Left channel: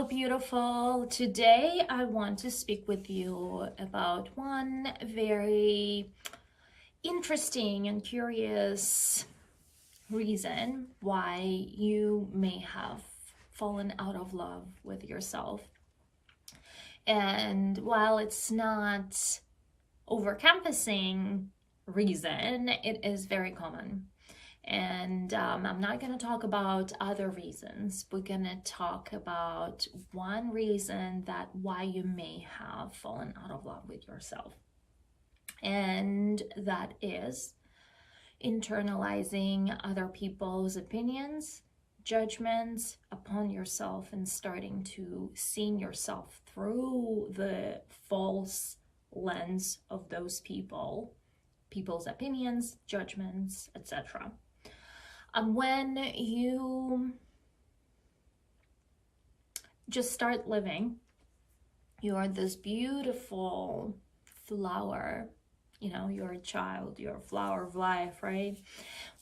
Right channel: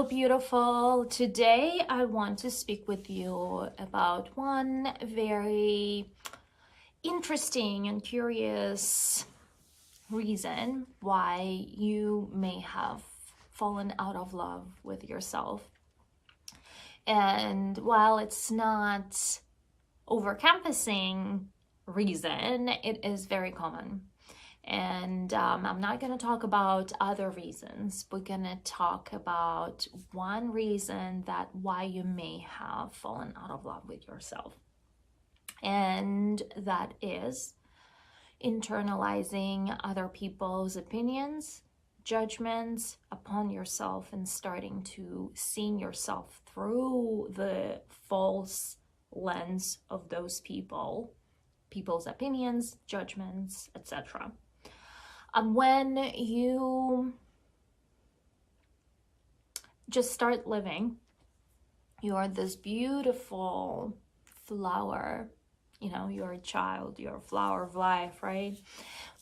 Hello, beautiful. Today I want to speak with you about one very interesting and curious reason why you may have fallen out of love with yourself. And while it's not overcompassing reason, it is very common. And I'm not going to talk about other reasons. We're going to talk about one reason that why you may have fallen out of love with yourself. And that is internalizing other people's opinions, judgments upon yourself, and starting to seeing yourself through the false lens of those people's opinions, judgments, etc. When you just start living, you are this beautiful flower, you're a child, you're a flower of life, right?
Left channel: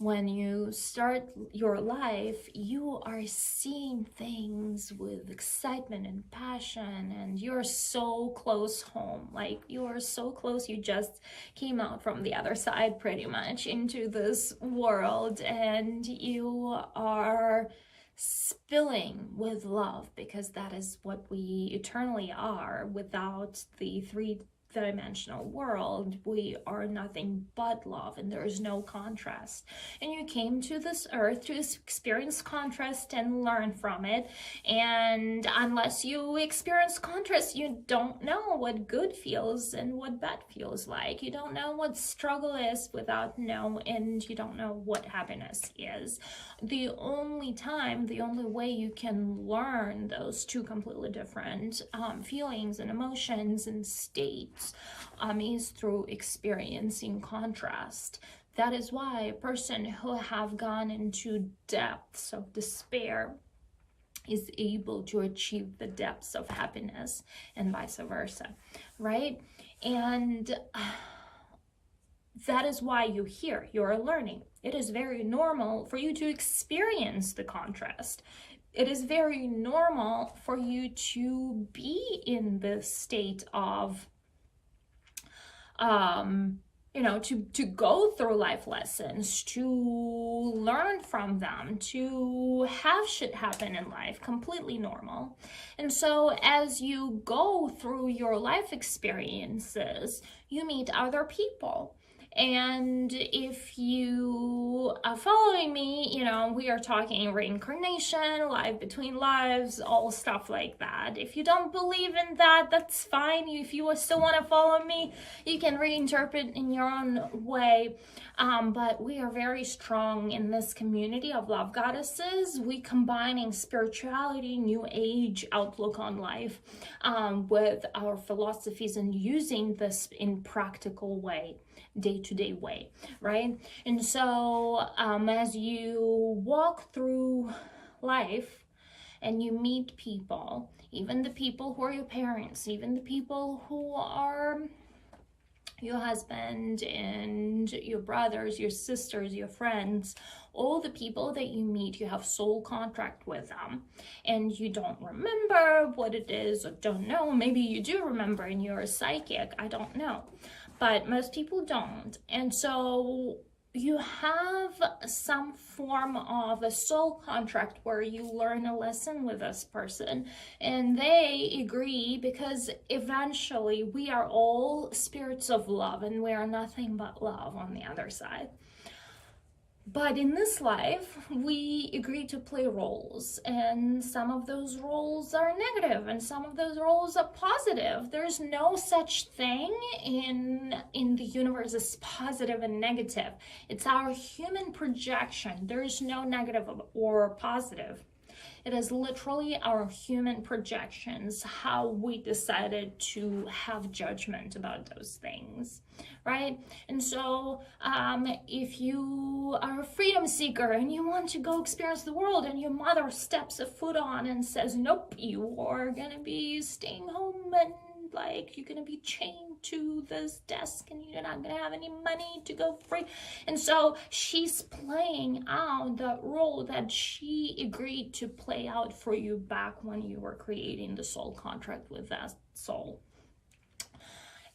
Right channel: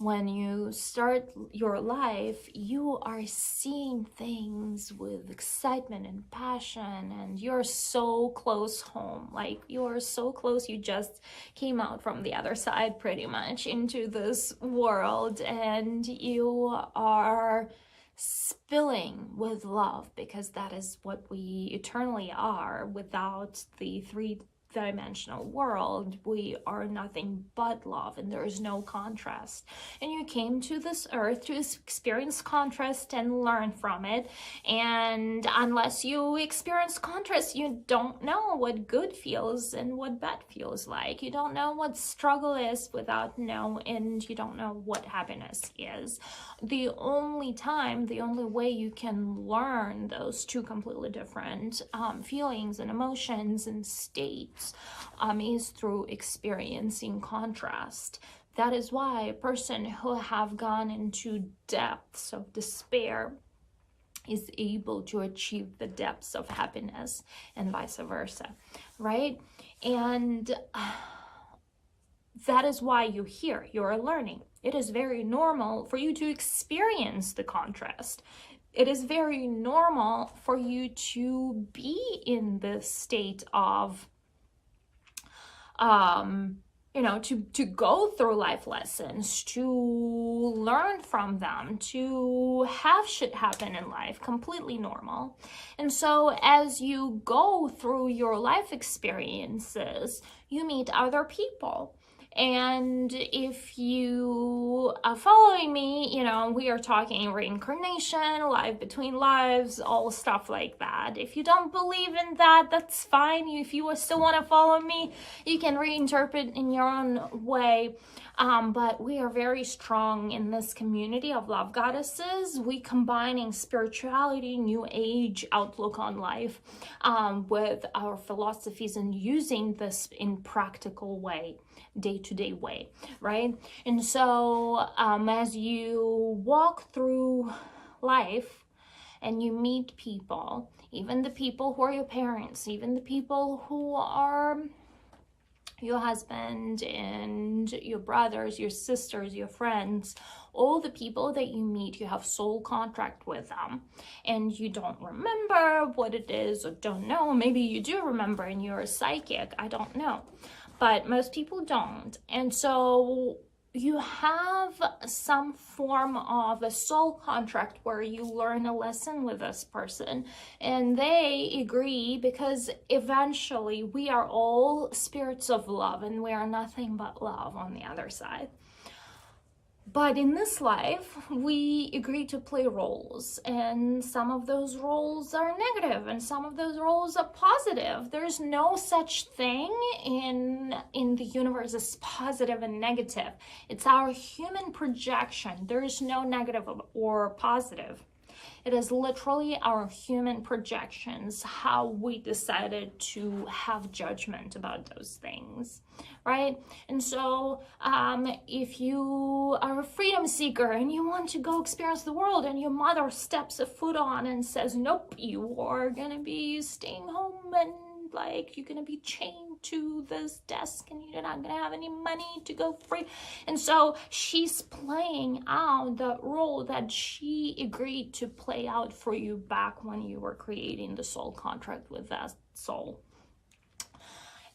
When you start your life, you are seeing things with excitement and passion, and you're so close home. Like, you're so close, you just came out from the other side pretty much into this world, and you are spilling with love, because that is what we eternally are. Without the three-dimensional world, we are nothing but love, and there is no contrast. And you came to this earth to experience contrast and learn from it, and unless you experience contrast, you don't know what good feels and what bad feels like. You don't know what struggle is without know, and you don't know what happiness is. The only way you can learn those two completely different feelings and emotions and states is through experiencing contrast. That is why a person who have gone into depths of despair is able to achieve the depths of happiness, and vice versa, right? And that is why you're here. You're learning. It is very normal for you to experience the contrast. It is very normal for you to be in this state of to go through life lessons, to learn from them, to have shit happen in life. Completely normal. And so as you go through your life experiences, you meet other people. And if you are following me, we are talking reincarnation, life between lives, all stuff like that. If you don't believe in that, that's fine. If you still want to follow me, you can reinterpret in your own way. But we are very strong in this community of love goddesses. We combining spirituality, new age outlook on life with our philosophies, and using this in practical way, day-to-day way, right? And so as you walk through life and you meet people, even the people who are your parents, even the people who are your husband and your brothers, your sisters, your friends, all the people that you meet, you have soul contract with them, and you don't remember what it is, or don't know. Maybe you do remember and you're a psychic, I don't know. But most people don't. And so you have some form of a soul contract where you learn a lesson with this person, and they agree, because eventually we are all spirits of love, and we are nothing but love on the other side. But in this life, we agree to play roles, and some of those roles are negative, and some of those roles are positive. There's no such thing in the universe as positive and negative. It's our human projection. There's no negative or positive. It is literally our human projections, how we decided to have judgment about those things, right? And so if you are a freedom seeker and you want to go experience the world, and your mother steps a foot on and says, nope, you are gonna be staying home and like you're gonna be chained to this desk and you're not gonna have any money to go free. And so she's playing out the role that she agreed to play out for you back when you were creating the soul contract with that soul.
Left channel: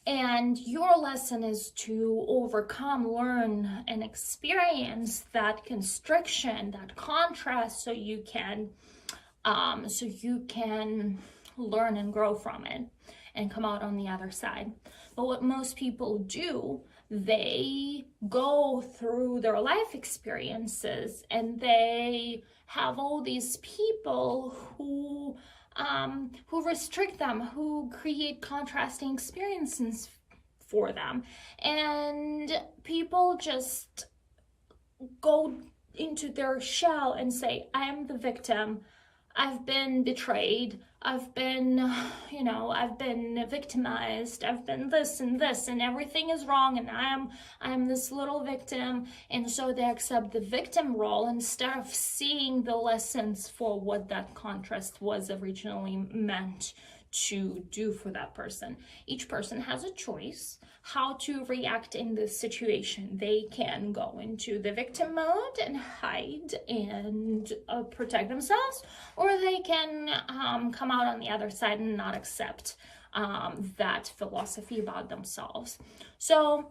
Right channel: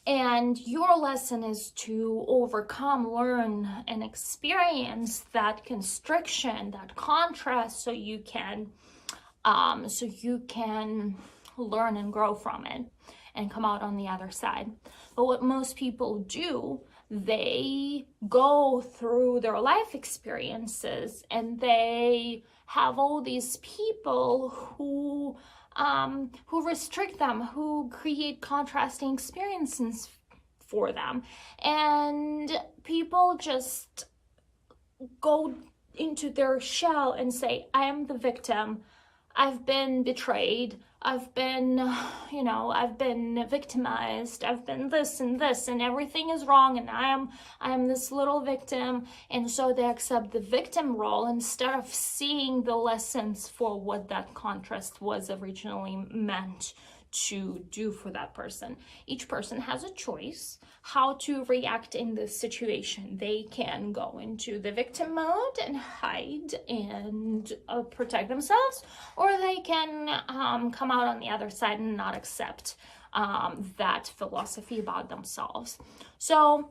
And your lesson is to overcome, learn, and experience that constriction, that contrast, so you can learn and grow from it and come out on the other side. But what most people do, they go through their life experiences and they have all these people who restrict them, who create contrasting experiences for them. And people just go into their shell and say, I am the victim. I've been betrayed. I've been victimized. I've been this and this, and everything is wrong, and I am this little victim. And so they accept the victim role instead of seeing the lessons for what that contrast was originally meant to do for that person. Each person has a choice how to react in this situation. They can go into the victim mode and hide and protect themselves, or they can come out on the other side and not accept that philosophy about themselves. So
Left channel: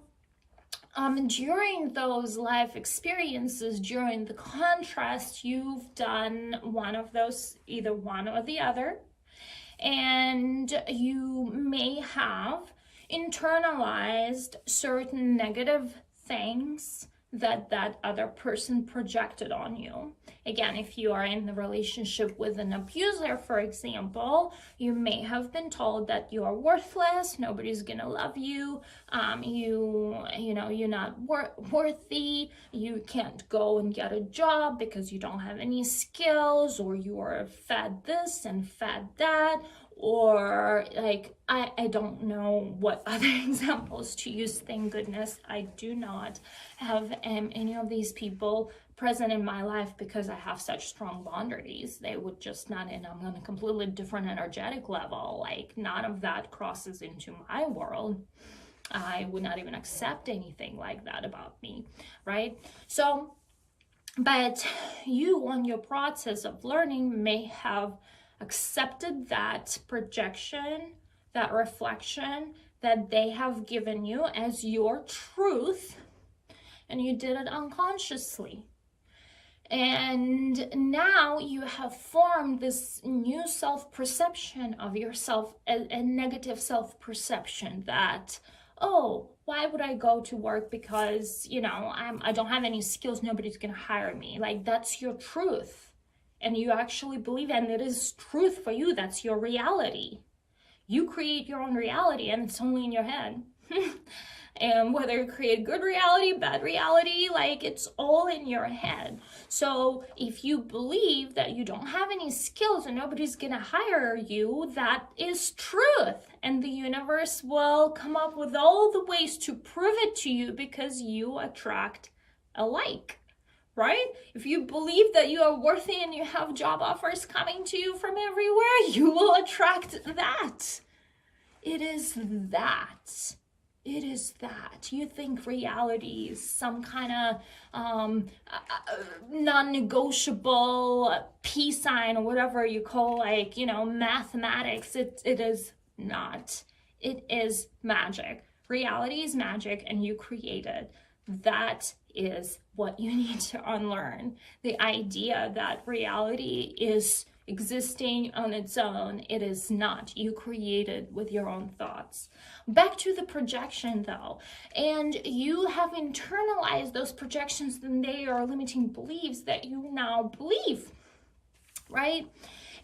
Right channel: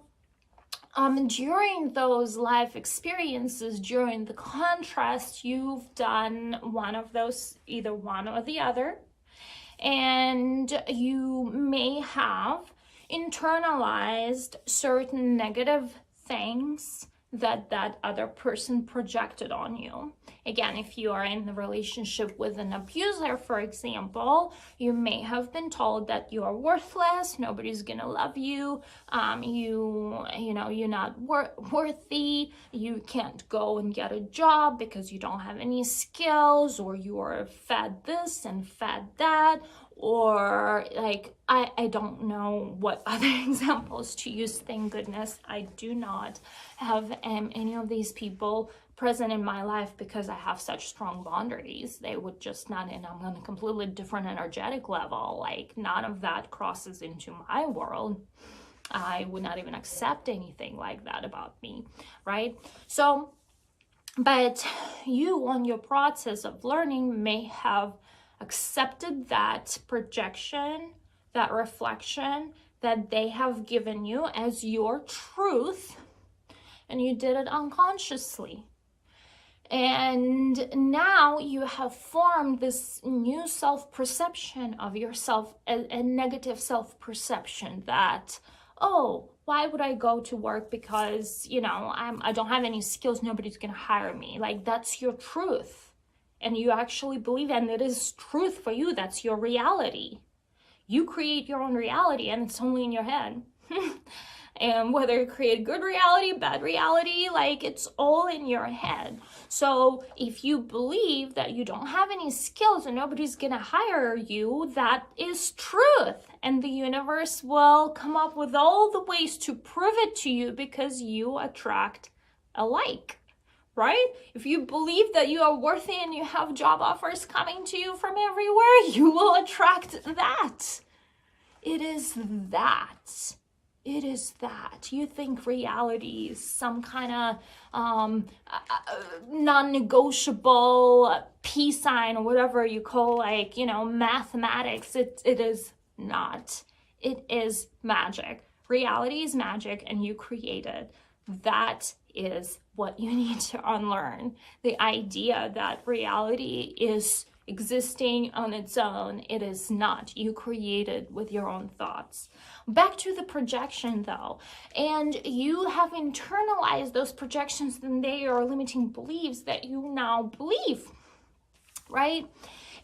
during those life experiences, during the contrast, you've done one of those, either one or the other, and you may have internalized certain negative things that that other person projected on you. Again, if you are in the relationship with an abuser, for example, you may have been told that you are worthless, nobody's gonna love you, you're not worthy, you can't go and get a job because you don't have any skills, or you are fed this and fed that, or like, I don't know what other examples to use. Thank goodness I do not have any of these people present in my life, because I have such strong boundaries. They would just not, and I'm on a completely different energetic level. Like, none of that crosses into my world. I would not even accept anything like that about me, right? So, but you on your process of learning may have accepted that projection, that reflection that they have given you as your truth, and you did it unconsciously. And now you have formed this new self-perception of yourself, a negative self-perception that, oh, why would I go to work because, I don't have any skills, nobody's gonna hire me. Like, that's your truth. And you actually believe it, and it is truth for you. That's your reality. You create your own reality, and it's only in your head. And whether you create good reality, bad reality, like, it's all in your head. So if you believe that you don't have any skills and nobody's gonna hire you, that is truth. And the universe will come up with all the ways to prove it to you, because you attract alike, right? If you believe that you are worthy and you have job offers coming to you from everywhere, you will attract that. It is that. It is that. You think reality is some kind of non-negotiable peace sign, or whatever you call, like, mathematics. It is not. It is magic. Reality is magic, and you create it. That is what you need to unlearn. The idea that reality is existing on its own. It is not. You create it with your own thoughts. Back to the projection though, and you have internalized those projections, and they are limiting beliefs that you now believe, right?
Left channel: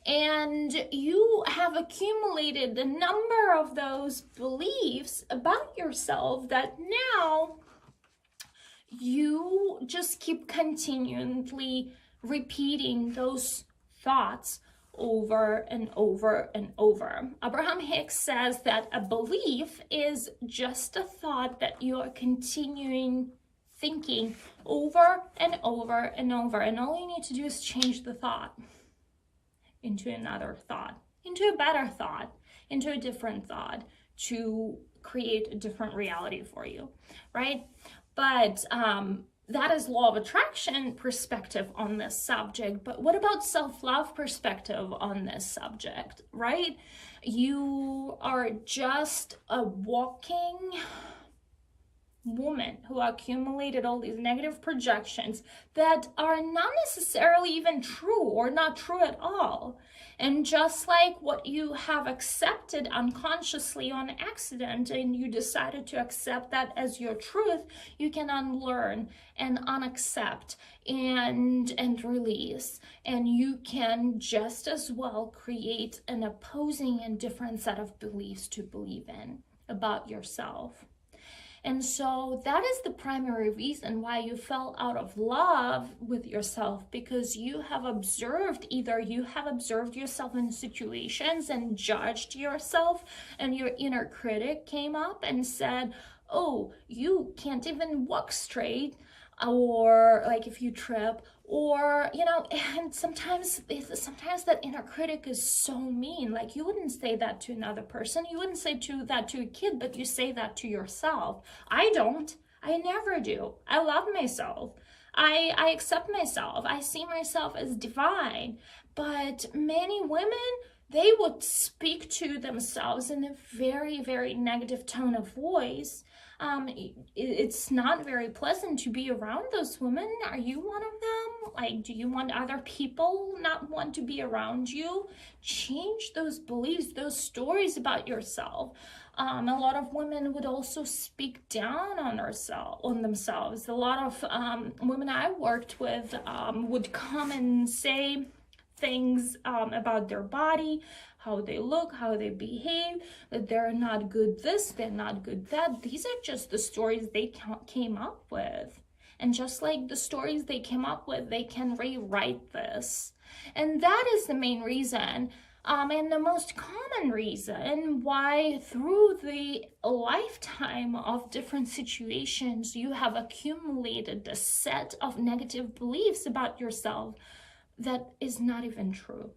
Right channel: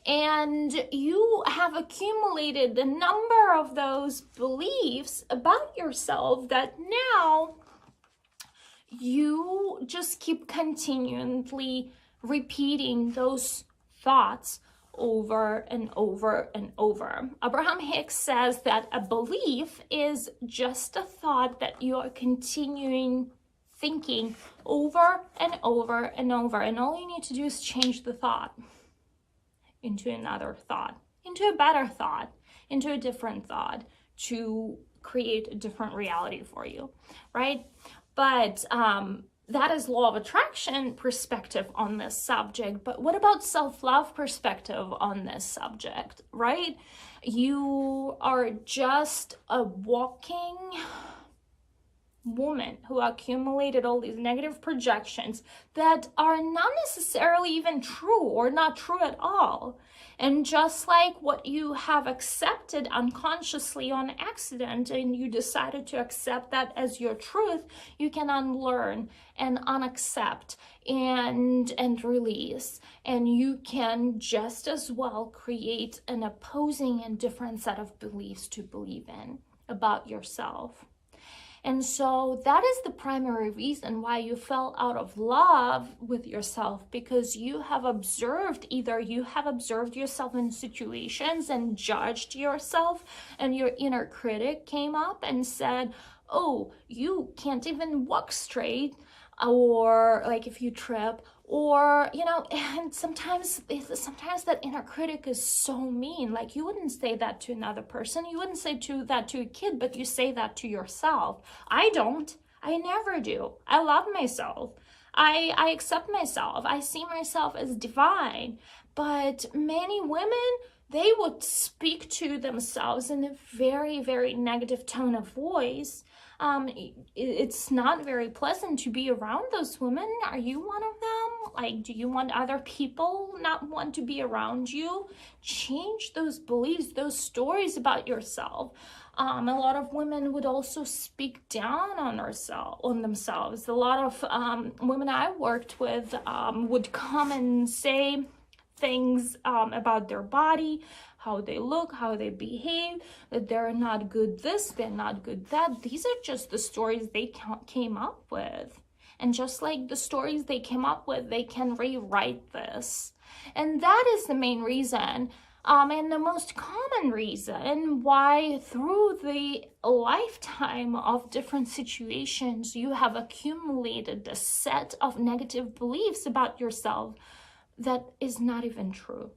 And you have accumulated a number of those beliefs about yourself that now you just keep continually repeating those thoughts over and over and over. Abraham Hicks says that a belief is just a thought that you are continuing thinking over and over and over. And all you need to do is change the thought into another thought, into a better thought, into a different thought to create a different reality for you, right? But that is law of attraction perspective on this subject. But what about self-love perspective on this subject, right? You are just a walking woman who accumulated all these negative projections that are not necessarily even true or not true at all. And just like what you have accepted unconsciously on accident and you decided to accept that as your truth, you can unlearn and unaccept and release. And you can just as well create an opposing and different set of beliefs to believe in about yourself. And so that is the primary reason why you fell out of love with yourself, because you have observed, either you have observed yourself in situations and judged yourself, and your inner critic came up and said, oh, you can't even walk straight, or like if you trip, or, you know, and sometimes that inner critic is so mean. Like, you wouldn't say that to another person. You wouldn't say that to a kid, but you say that to yourself. I don't. I never do. I love myself. I accept myself. I see myself as divine. But many women, they would speak to themselves in a very, very negative tone of voice. It's not very pleasant to be around those women. Are you one of them? Like, do you want other people not want to be around you? Change those beliefs, those stories about yourself. A lot of women would also speak down on themselves. A lot of women I worked with would come and say things about their body, how they look, how they behave, that they're not good this, they're not good that. These are just the stories they came up with. And just like the stories they came up with, they can rewrite this. And that is the main reason, and the most common reason why through the lifetime of different situations, you have accumulated a set of negative beliefs about yourself that is not even true.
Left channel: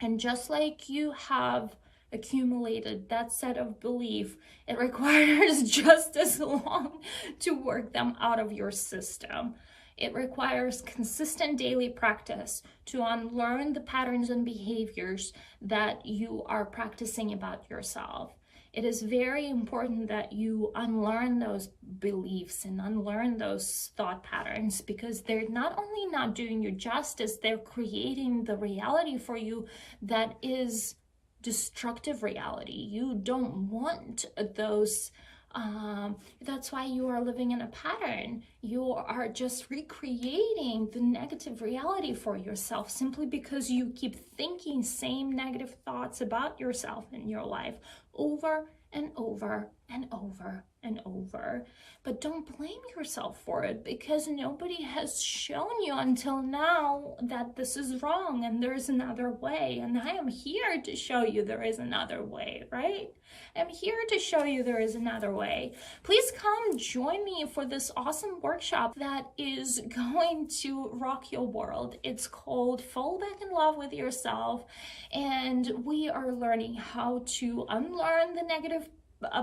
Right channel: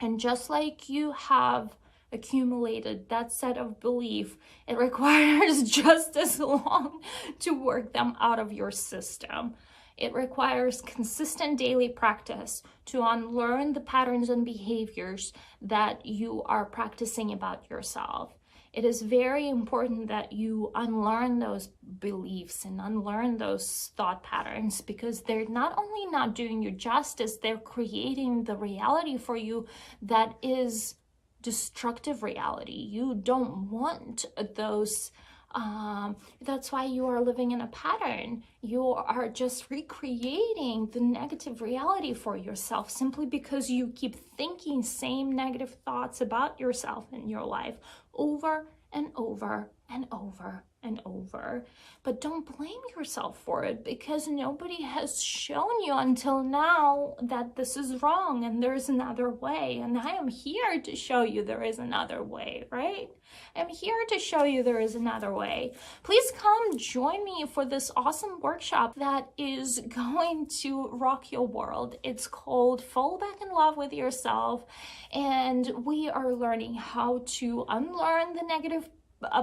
And just like you have accumulated that set of belief, it requires just as long to work them out of your system. It requires consistent daily practice to unlearn the patterns and behaviors that you are practicing about yourself. It is very important that you unlearn those beliefs and unlearn those thought patterns, because they're not only not doing you justice, they're creating the reality for you that is destructive reality. You don't want those. That's why you are living in a pattern. You are just recreating the negative reality for yourself simply because you keep thinking same negative thoughts about yourself in your life over and over and over and over. But don't blame yourself for it, because nobody has shown you until now that this is wrong and there's another way. And I am here to show you there is another way, right? I'm here to show you there is another way. Please come join me for this awesome workshop that is going to rock your world. It's called Fall Back in Love with Yourself. And we are learning how to unlearn the negative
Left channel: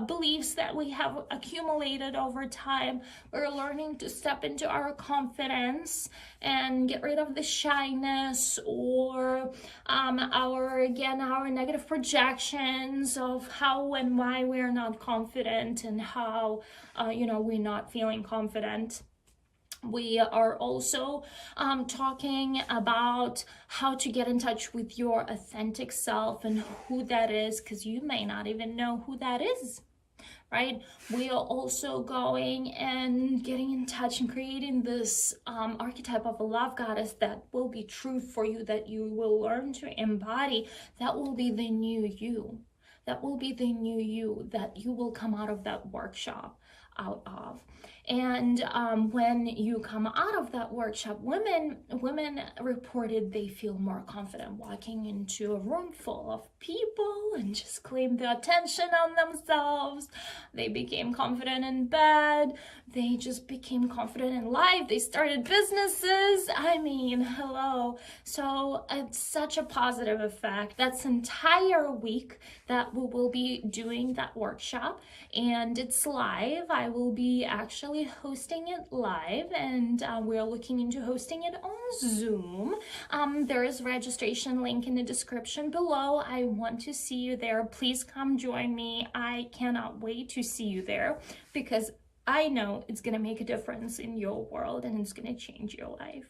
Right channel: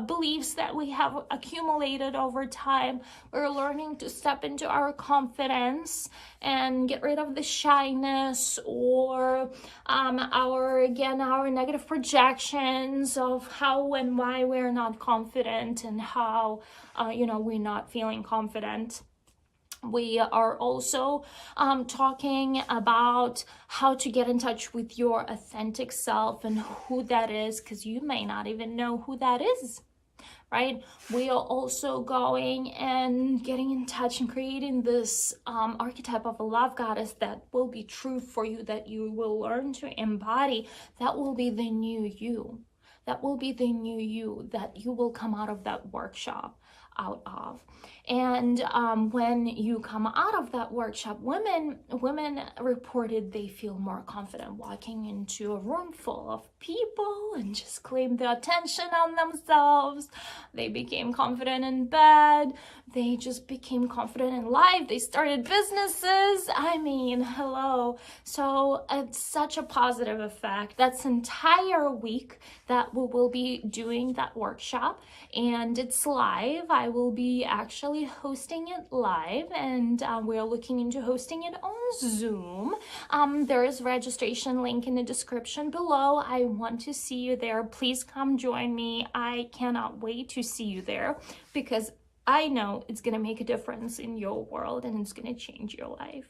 beliefs that we have accumulated over time. We're learning to step into our confidence and get rid of the shyness or our negative projections of how and why we're not confident and how we're not feeling confident. We are also talking about how to get in touch with your authentic self and who that is, because you may not even know who that is, right? We are also going and getting in touch and creating this archetype of a love goddess that will be true for you, that you will learn to embody. That will be the new you. That will be the new you that you will come out of that workshop out of. And when you come out of that workshop, women reported they feel more confident walking into a room full of people and just claim the attention on themselves. They became confident in bed. they just became confident in life. They started businesses. I mean, hello. So it's such a positive effect. That's entire week that we will be doing that workshop, and it's live. I will be actually hosting it live, and we're looking into hosting it on Zoom. There is registration link in the description below. I want to see you there. Please come join me. I cannot wait to see you there, because I know it's going to make a difference in your world and it's going to change your life.